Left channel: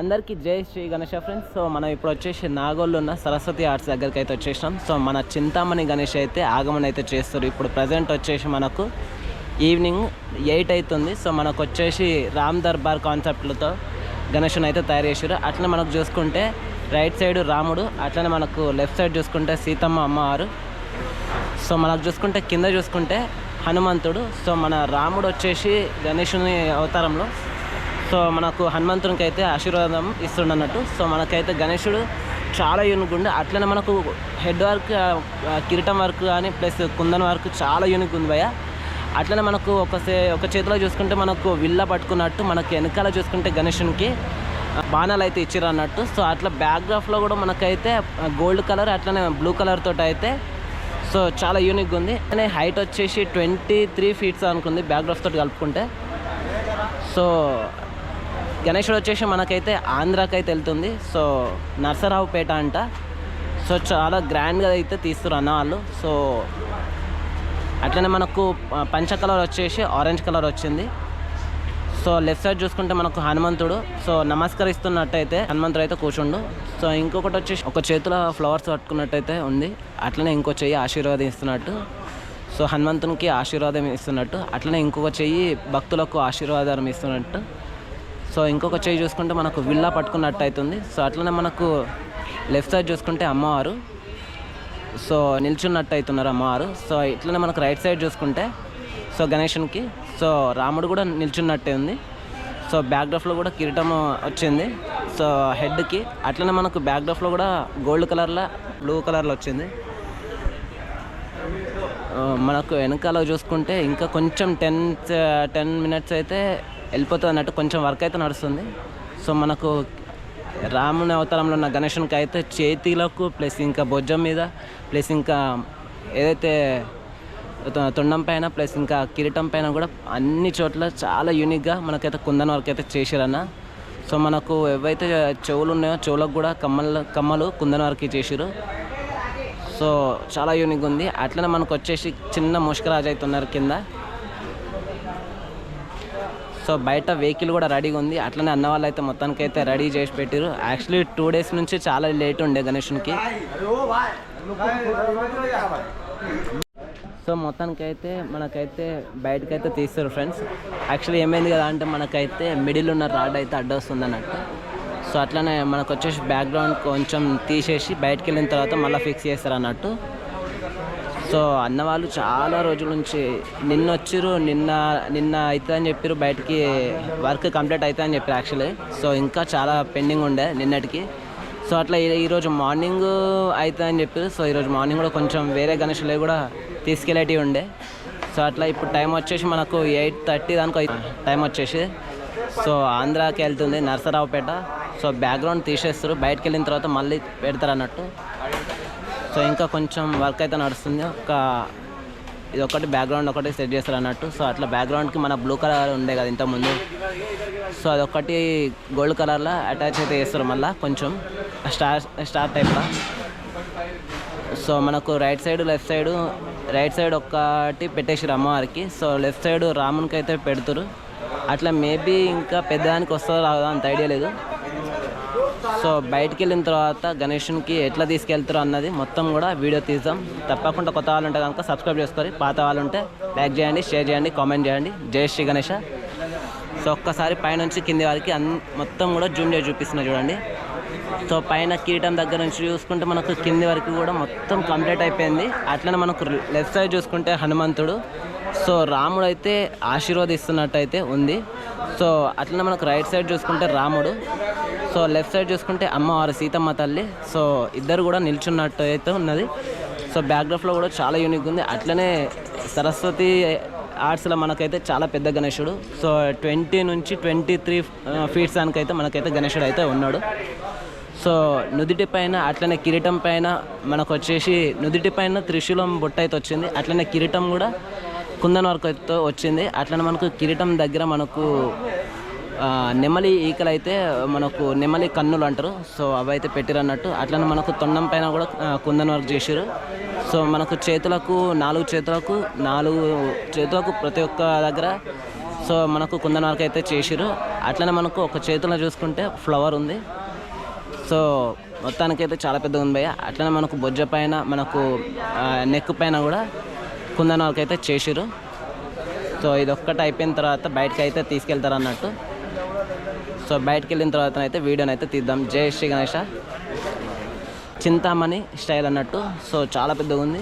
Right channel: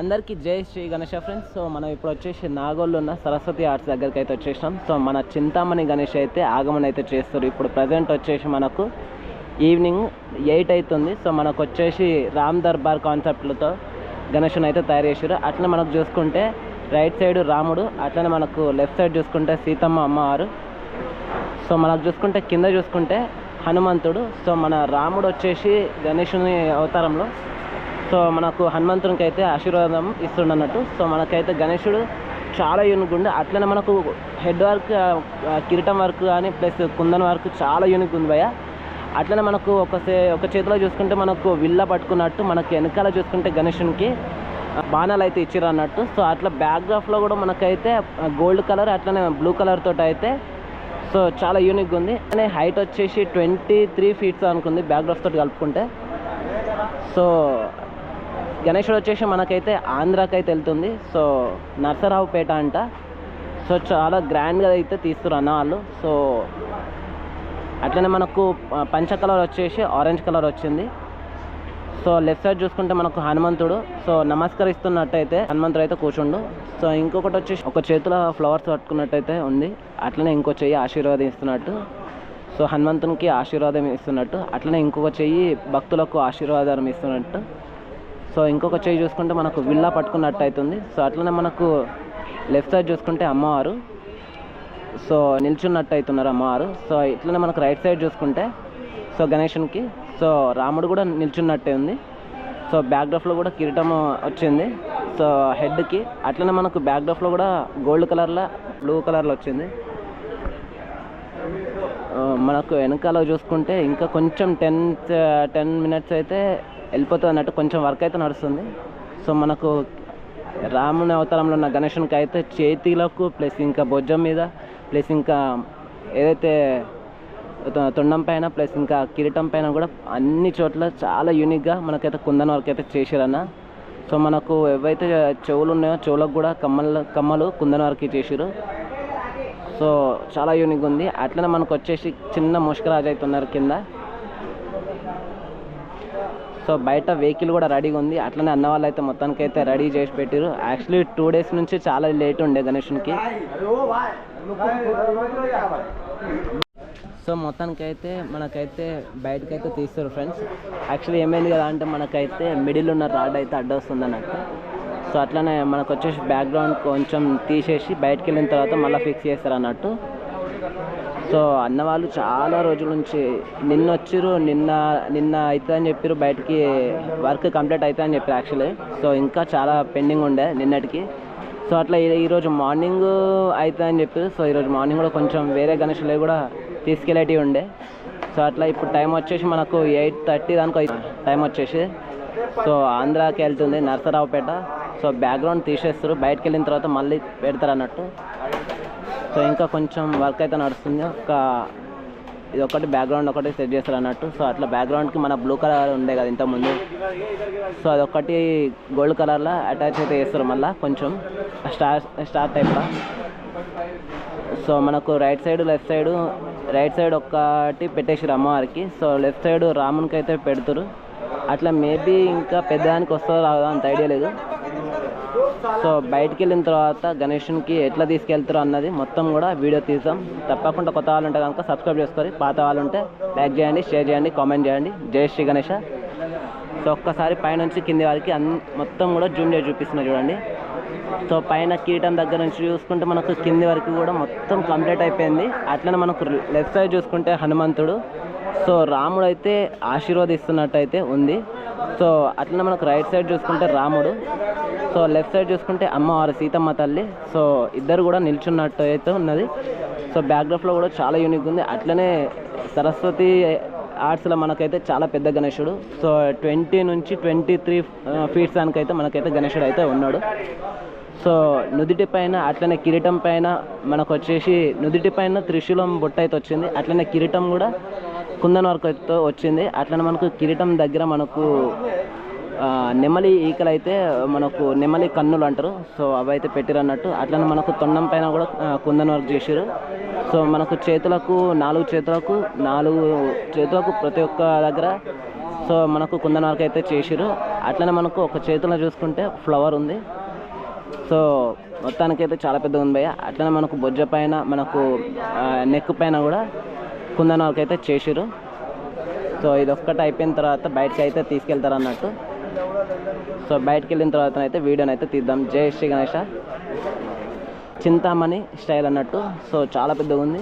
అందరికీ జై Shri Ganesha friends. So మనం ఇప్పుడు వచ్చేసి నాగోల్లో ఉన్న సరస్వతి ఆర్ట్స్ దగ్గరికి అయితే వచ్చేసినాం. సో మన చింతామణి గణేష్ అయితే ఆగమనం అయితే చేస్తారు. ఇప్పుడు ప్రజెంట్ వచ్చేసి మనకు ఈవినింగ్ 8 అవుతుంది. సో మనకు వచ్చేసి రామ్ దర్బార్ కాన్సెప్ట్లతో గణేష్ని అయితే తయారు చేసారు. అట్లా మనకు చూసుకుంటే రైట్ సైడ్ రాముడు, అట్లనే మనకు లెఫ్ట్ సైడ్ చూసుకుంటే సీతమ్మ అమ్మవారు. సో మనకు చూసుకుంటే కింద చూసుకుంటే హనుమంతుడు. సో మన రాముడు వచ్చేసి గణేషుని అవతారంలో, సో మనకు హనుమంతునికి అయితే ఆశీర్వాదం ఇస్తుండన్నట్టు. సో మనకైతే గణేశుడు చాలా యూనిక్ ఉంది. అట్లనే మనకు హెడ్ వర్క్, కిరీటం వర్క్ కానీ ప్లస్ కుందన్ వర్క్ చాలా యూనిక్ ఉంది భయ్య. అట్లనే మనకు ఒక చేతిలో చూసుకుంటే మనకు విల్ల పట్టుకున్నట్టు, మనకి వెనకాల చూసుకుంటే గణేశునికి బాణాలు అయితే ఇచ్చిర్రు అన్నట్టు. సో అట్లా బ్యాక్గ్రాఫ్లో కూడా మనకైతే గోల్డ్ కలర్ అట్లనే బ్లూ కలర్ తోటి అయితే సో చాలా యూనిక్గా ఉంది. అనే హైట్ వచ్చేసి 23 ఫీట్స్ అనుకుంది బ్యాక్గ్రాఫ్ తోటి కలుపుకుంటే. సో గణేశుడు వచ్చేసి మనకైతే ఆంధ్రాకి అయితే వెళ్తుంది. సో నరసరావుపేట అంట. సో చాలా గ్రాండ్గా అయితే తీస్తారు అన్న వాళ్ళు. సో అట్లనే మనకు పంచ కలర్ వచ్చేసి ఆరెంజ్ కలర్ వచ్చింది. సో లెఫ్ట్ సైడ్ చూసుకుంటే మనకు హనుమంతుడు సో నమస్కరిస్తున్నట్టయితే హనుమంతుడు అయితే కూర్చుండు. సో ఇంకొకటి వచ్చేసి ఒక చేతిలో ఫ్లవర్స్ పట్టుకున్నట్టయితే ఉంది. అట్లనే ఇంకో చెయ్యి ఆశీర్వాదం ఇస్తున్నట్టు, సో హనుమంతునికి ఆశీర్వాదం ఇస్తున్నట్టు. అట్లనే ఇంకొక చెయ్యి భక్తులకు ఆశీర్వాదం ఇస్తున్నట్టు. సో ఇంకొక చెయ్యి చూసుకుంటే మనకు విల్లా పట్టుకున్నట్టు అవుతుంది. సో అట్లనే మనకు లెఫ్ట్ సైడ్ చూసుకుంటే అమ్మవారు సో నిల్చున్నట్టు అవుతున్నారు అమ్మవారు. సో ఇట్లనే మనకు రైట్ సైడ్ చూసుకుంటే సో గణేశునికి సో రాముడు కూడా నిల్చున్నట్టే ఉంది. సో బ్యాక్డ్రాఫ్లో కూడా కిరీటం వచ్చింది సో హెడ్కి. అట్లనే మనకు బ్యాక్డ్రాఫ్లో కూడా గోల్డ్ కలర్లో బ్లూ కలర్లో వచ్చింది. మనకు వెనకాల చూసుకుంటే ఇంకా కొంచెం 10 మినిట్స్ అయితే వెళ్ళిపోతుంది అన్నట్టు, కొంచెం వర్క్ అయితే నడుస్తుంది. సో మనకు రాముని అవతారంలో ఉన్న గణేశునికి అయితే చేతిలకు ప్లస్ ఇంకా భుజం మీద ప్లస్ ఇంకా ఏదైతే తొండం పైన ప్లస్ ఇంకా కిరీటం పైన కూడా అన్ని చోట్ల చాలా యూనిక్గా మనకైతే కుందన్ వర్క్ అయితే చేసిరన్న. సో మనకు ఏవైతే చెవులు ఉన్నాయో చెవులకు కూడా కమ్మలు కుందన్ వర్క్ చేసిరు. సో చాలా యూనిక్గా ఉంది. అట్లనే మనకు వచ్చేసి చిన్న ముష్కరాజు అవుతున్నారు కింద. సో బయట వెహికల్ కూడా రెడీగా ఉంది. అట్లనే అన్న వాళ్ళు అయితే మొత్తానికి అయితే రెడీ చేసి పెట్టారు. యాక్చువల్లీ 2 డేస్ నుంచి చాలా లేట్ ఉండే గణేశునికి. సో మొత్తానికైతే మనకైతే బయటకైతే తీస్తారు ఫ్రెండ్స్. యాక్చువల్లీ ఏమైంది కదా అంటే మనకైతే మిడిల్ ఉన్న రాడ్ అయితే అడ్డొస్తుంది అన్నట్టు. సో అట్లనే మనకు వచ్చేసి బ్యాక్గ్రౌండ్ కొంచెం తీసేసి బయటకు వెళ్ళిన తర్వాత మళ్ళీ ఫిక్స్ చేస్తారు అన్నట్టు. సో అన్నవాళ్ళు చాలా రోజుల నుంచి నిన్న వచ్చిర్రు, నిన్న అవుతుంది అని చెప్పారు, బయటికి వర్క్ కంప్లీట్ అవుతుంది అని చెప్పారు యాక్చువల్లీ. సో ఇంకా చాలా పెండింగ్ ఉండే నిన్నటికి. సో అట్లా ఈరోజు మార్నింగ్ అవుతుంది అని చెప్పారు. సో ఈరోజు మార్నింగ్ కూడా కొంచెం వేరే గణేశులే కూడా తీసుకెళ్ళేటివి ఉండే. సో అట్లా ఇప్పుడు టైం వచ్చేసి మనకు 8:30 దానికి టైం వచ్చేసి సో ఆంధ్రాకి వెళ్తుంది నరసరావుపేట. సో బ్యాక్గ్రౌండ్ తీసేస్తారు, బయటకు వెళ్ళిన తర్వాత మళ్ళీ పెడతారు అన్నట్టు. సో ఇంకా కొంచెం వర్క్ అయితే నడుస్తుంది. ఇది ఒకటి బ్యాక్గ్రౌండ్ ఒకటి సెట్ చేస్తారు అన్నట్టు. సో అట్లా బ్యాక్గ్రౌండ్కి మన బ్లూ కలర్ ఉండే కదా ఇంతకుముందు, సో అదొకటి గోల్డ్ కలర్లో అటాచ్ అయితే చేస్తారు మళ్ళీ కొంచెం స్టార్ టైప్లో. సో మనకు right side left side, right side ఒక్కటి పెట్టేసారు అమ్మవారికి. సో లెఫ్ట్ సైడ్ రామునికి అయితే పెడతారు. అట్లా మేబీ ఇంకా పెద్దదానికి వస్తుందో రాదా అంత ఐడియా లేదు. సో బయటికి వెళ్ళిన తర్వాత గణేశునికి ఎట్లా తీసుకెళ్తారో అన్నది మొత్తం కూడా వీడియో తీద్దాం. తప్పకుండా కొత్త వాళ్ళు ఉంటే కనుక సబ్స్క్రైబ్ చేసుకోండి, పాత వాళ్ళు ఉంటే లైక్ చేయండి, షేర్ చేయండి, కామెంట్ చేయండి. జై శ్రీ గణేష. సో ఒక్కసారి పైనుంచి కింది వారికి మొత్తం కూడా జూమ్ చేసి చూపిస్తున్నా చూడండి. సో పైన కిరీటం దగ్గర నుంచి చూసుకుంటే మనకు కింది వరకు కూడా మొత్తం కంప్లీట్ అయిపోయింది. అట్లనే మనకు లెఫ్ట్ సైడ్ చూసుకుంటే హనుమంతుడు, సో రాముడు అయితే ఆశీర్వదిస్తున్నట్టు అయితే ఉంది. సో అట్లనే మనకు రైట్ సైడ్ చూసుకుంటే రాముడు, సో లెఫ్ట్ సైడ్ చూసుకుంటే అమ్మవారు సీతమ్మ తల్లి. సో ఇద్దరు కూడా నిల్చున్నట్టు అయితే ఉన్నది. సో బ్యాక్గ్రౌండ్లో కూడా చాలా యూనిక్ ఉంది. అట్లనే సరస్వతి ఆర్ట్స్లో మనకైతే చాలా పెద్ద గణేశుడు. సో 20 నుంచి 23 ఫీట్స్ దానికైతే మనకైతే గణేశుడు అయితే ఉన్నాడు. సో నుదిటి పైన అట్లనే కిరీటం పైన మనకు వచ్చేసి నుదిటి పైన త్రిశూలం బొట్ట అయితే వచ్చింది. అట్లనే కిరీటం కూడా కుందన్ వర్క్ అయితే వచ్చింది. అట్లనే మనకు కిరీటం దగ్గర మనకు నెమలి ఈకలు అయితే మనకు నెమలి కన్నులు అంటారు. సో అవి అయితే పెట్టిరు అన్నట్టు. అట్లనే మనకు తొండం పైన కూడా కుందన్ వర్క్ చేసారు. సో మనకు చేతులకు 4 చేతులకు ప్రతి ఒక్క దగ్గర సో మనకు కుందన్ వర్క్ అయితే చేసిరు. అట్లనే మనకు ఒక చేతిలో చూసుకుంటే ఫ్లవర్ ఉంది. సో మొత్తానికైతే చాలా పెద్దగా ఉంది భయ్య. అట్లనే మనకు బొజ్జ పైన మనకు నెక్ పైన కూడా కుందన్ వర్క్ అయితే చేసిరు. సో ఇది ఒక్కటి అయిపోయిన తర్వాత బయటకి అయితే తీసుకెళ్తారు అన్నట్టు. సో బయటకు వెళ్ళిన తర్వాత అయితే వీడియోని అయితే తీద్దాం. జై శ్రీ గణేష చింతామణి స్టైల్ అన్నట్టు. సో చాలా పెద్దగా ఉంది.